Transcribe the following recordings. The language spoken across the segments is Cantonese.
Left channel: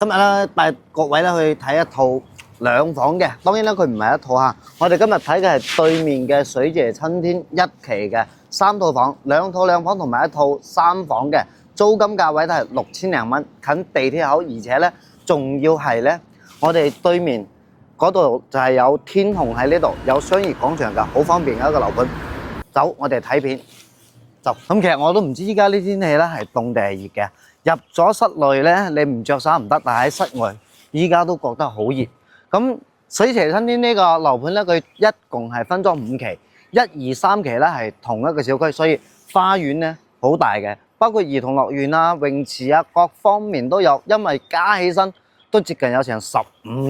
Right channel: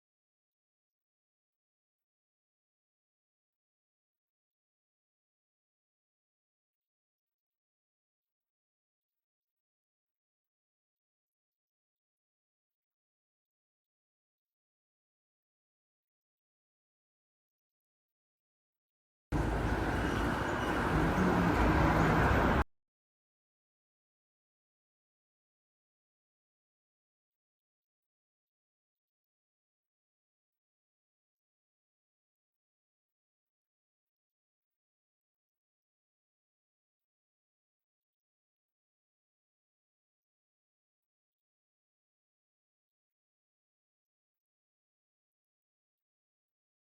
今日咧帶各位咧去睇一套兩房嘅，當然咧佢唔係一套嚇。我哋今日睇嘅係對面嘅水榭春天一期嘅3套房，兩套兩房同埋一套3房嘅，租金價位都係6000零蚊，近地鐵口，而且咧仲要係咧我哋對面嗰度就係有天虹喺呢度，有商業廣場㗎，好方便嘅一個樓盤。走，我哋睇片。就咁，其實我都唔知依家呢天氣咧係凍定係熱嘅。入咗室內咧，你唔着衫唔得，但係喺室外依家都覺得好熱。咁水榭春天呢個樓盤咧，佢一共係分咗5期，1、2、3期咧係同一個小區，所以花園咧好大嘅，包括兒童樂園啊、泳池啊，各方面都有。因為加起身都接近有成15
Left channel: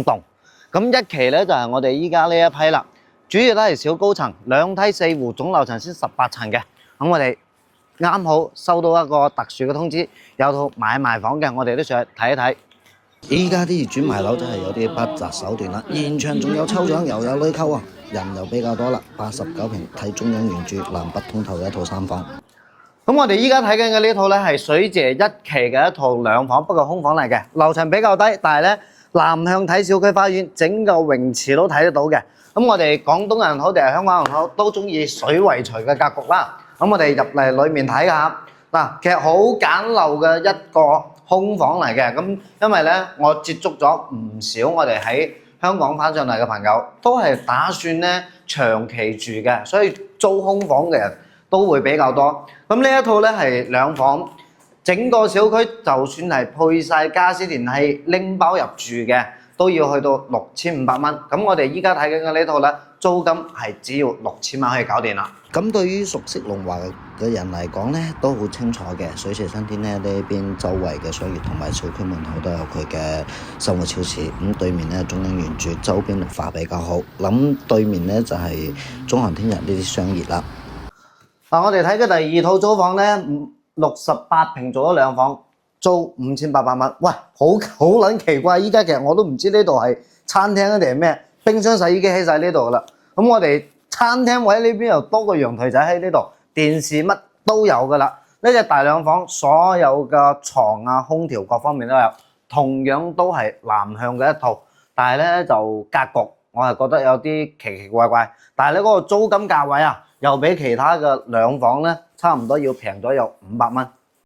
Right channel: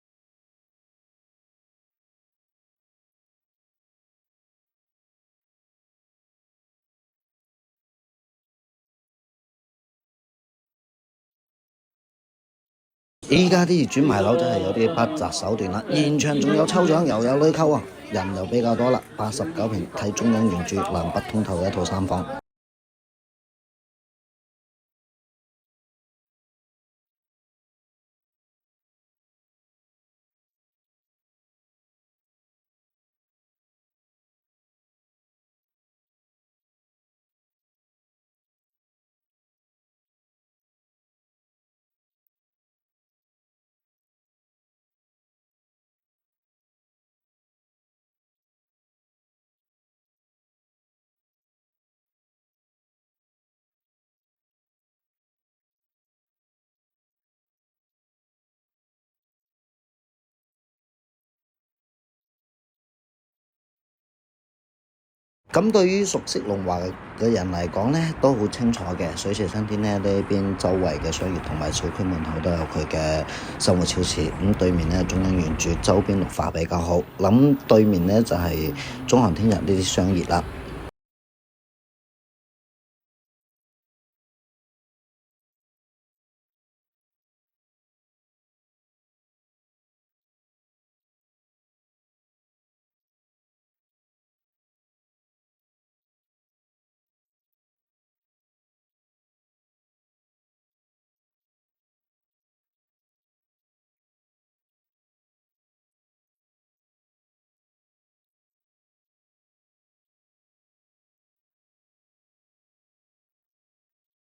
棟。咁一期咧就係我哋依家呢一批啦，主要都係小高層，2梯4戶，總樓層先18層嘅。咁我哋啱好收到一個特殊嘅通知，有套買賣房嘅，我哋都上去睇一睇。依家啲業主賣樓真係有啲不擇手段啦，現場仲有抽獎，又有女溝啊，人又比較多啦。89平睇中央原著南北通透嘅一套3房。咁我哋依家睇緊嘅呢套咧係水榭1期嘅一套2房，不過空房嚟嘅，樓層比較低，但係咧南向睇小區花園，整個泳池都睇得到嘅。咁我哋廣東人好定係香港人好，都中意水為隨嘅格局啦。咁我哋入嚟裏面睇下，嗱，其實好簡陋嘅一個空房嚟嘅。咁因為咧，我接觸咗唔少我哋喺香港翻上嚟嘅朋友，都係打算咧長期住嘅，所以租空房嘅人都會比較多。咁呢一套咧係2房，整個小區就算係配晒家私電器拎包入住嘅，都要去到6500蚊。咁我哋依家睇緊嘅呢套咧，租金係只要6000蚊可以搞掂啦。咁對於熟悉龍華嘅人嚟講咧，都好清楚嘅。水榭春天咧呢邊周圍嘅商業同埋小區門口都有佢嘅生活超市。咁對面咧中央原著，周邊綠化比較好。諗對面咧就係中航天日呢啲商業啦。嗱，我哋睇嘅第2套租房咧，68平做咗2房，租5800蚊。喂，好撚奇怪！依家其實我都唔知呢度係餐廳定係咩，冰箱、洗衣機喺晒呢度啦。咁我哋餐廳位呢邊又多個陽台仔喺呢度，電視乜都有噶啦。呢隻大2房所有嘅床啊、空調各方面都有，同樣都係南向嘅一套，但係咧就格局我係覺得有啲奇奇怪怪。但係咧嗰個租金價位啊，又比其他嘅2房咧差唔多要平咗有500蚊。